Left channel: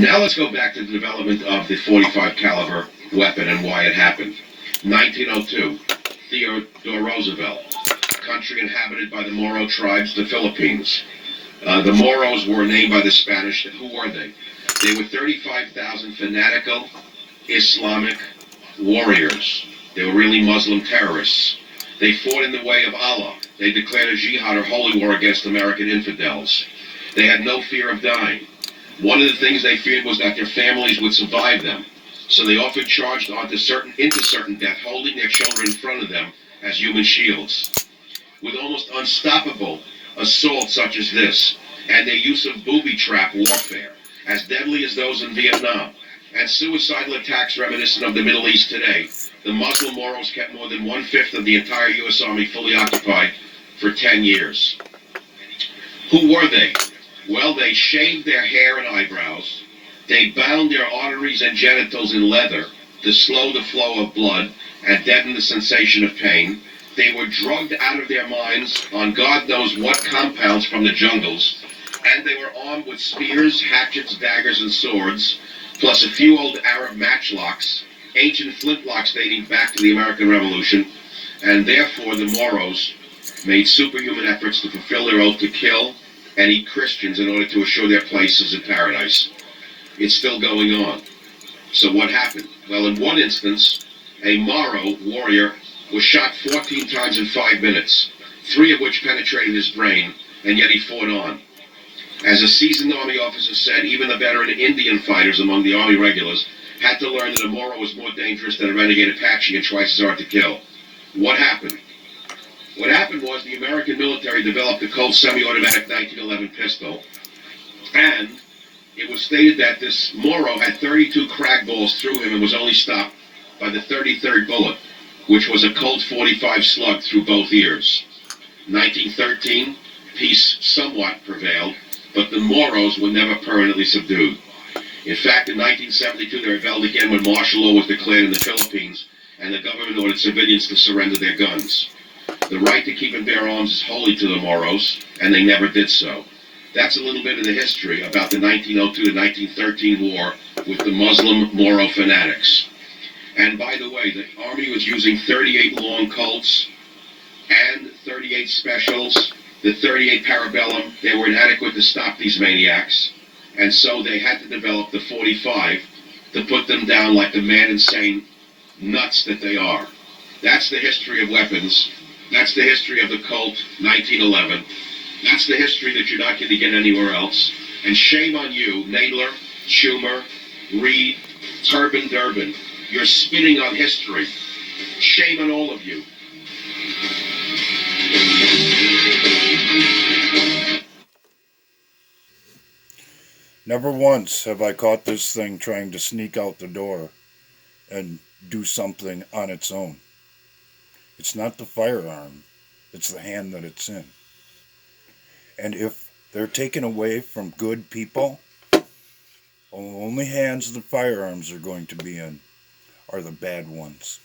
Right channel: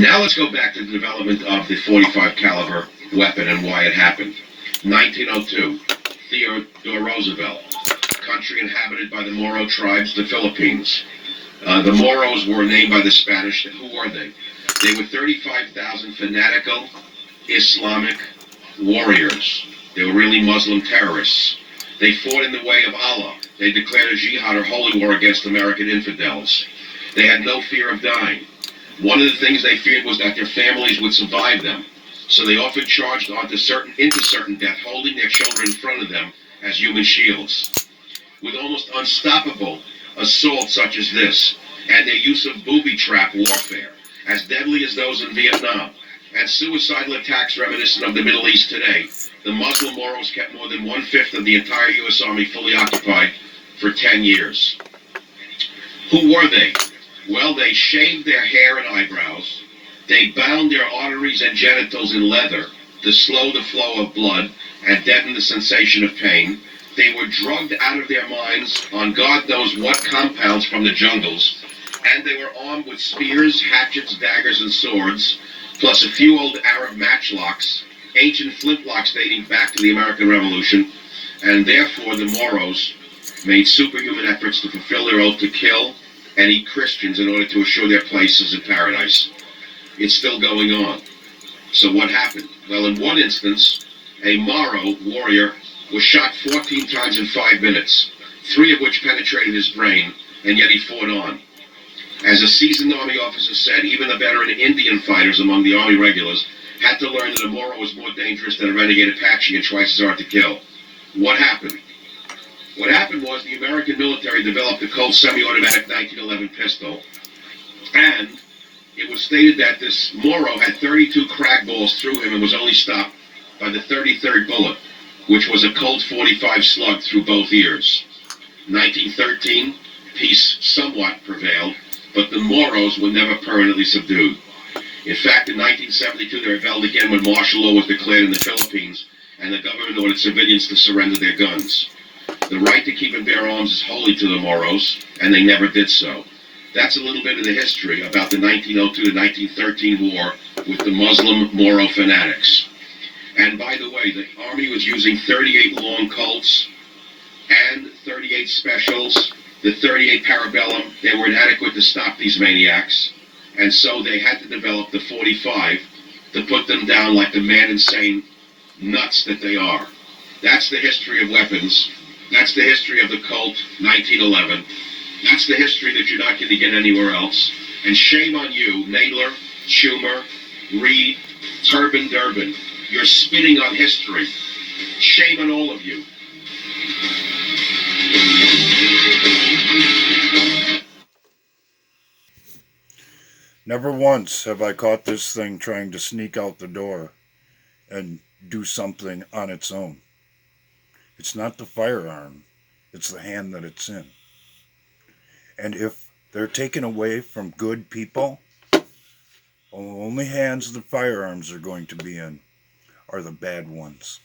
Now let's go back to the development of the 45 caliber weapon and why it happened. 1902, Theodore Roosevelt, country inhabited by the Moro tribes, the Philippines. The Moros were named by the Spanish. Who were they? They were 35,000 fanatical Islamic warriors. They were really Muslim terrorists. They fought in the way of Allah. They declared a jihad or holy war against American infidels. They had no fear of dying. One of the things they feared was that their families would survive them. So they often charged into certain death, holding their children in front of them as human shields. With almost unstoppable assaults such as this, and their use of booby trap warfare, as deadly as those in Vietnam, and suicidal attacks reminiscent of the Middle East today, the Muslim Moros kept more than 1/5 of the entire U.S. Army fully occupied for 10 years. Who were they? Well, they shaved their hair and eyebrows. They bound their arteries and genitals in leather to slow the flow of blood and deaden the sensation of pain. They were drugged out of their minds on God knows what compounds from the jungles, and they were armed with spears, hatchets, daggers, and swords, plus a few old Arab matchlocks, ancient flintlocks dating back to the American Revolution, and therefore the Moros made superhuman efforts to fulfill their oath to kill and eat Christians in order to assure their places in paradise. It's still going on. So what happened? Well, in one instance, a Moro warrior was shot 14 times in 5 minutes, 3 of which penetrated his brain, and yet he fought on. As a seasoned Army officer said, even the veteran Indian fighters among the Army regulars had to learn that a Moro was more dangerous than a renegade Apache and twice as hard to kill. What happened? What happened was the American military developed the Colt semi-automatic 1911 pistol, and it was stated that this Moro had 32 crack balls through him and was only stopped by the 33rd bullet, which was a Colt 45 slug through both ears. 1913, peace somewhat prevailed, but the Moros were never permanently subdued. In fact, in 1972, they rebelled again when martial law was declared in the Philippines, and the government ordered civilians to surrender their guns. The right to keep and bear arms is holy to the Moros, and they never did so. That's a little bit of the history about the 1902 to 1913 war with the Muslim Moro fanatics. And by the way, the Army was using 38 long Colts and 38 specials, the 38 Parabellum. They were inadequate to stop these maniacs, and so they had to develop the 45 to put them down like the man-insane nuts that they are. That's the history of weapons. That's the history of the Colt 1911. That's the history that you're not going to get anywhere else. And shame on you, Nadler, Schumer, Reed, Turbin Durbin. You're spitting on history. Shame on all of you. Never once have I caught this thing trying to sneak out the door and do something on its own. It's not the firearm, it's the hand that it's in. And if they're taken away from good people, only hands the firearms are going to be in are the bad ones.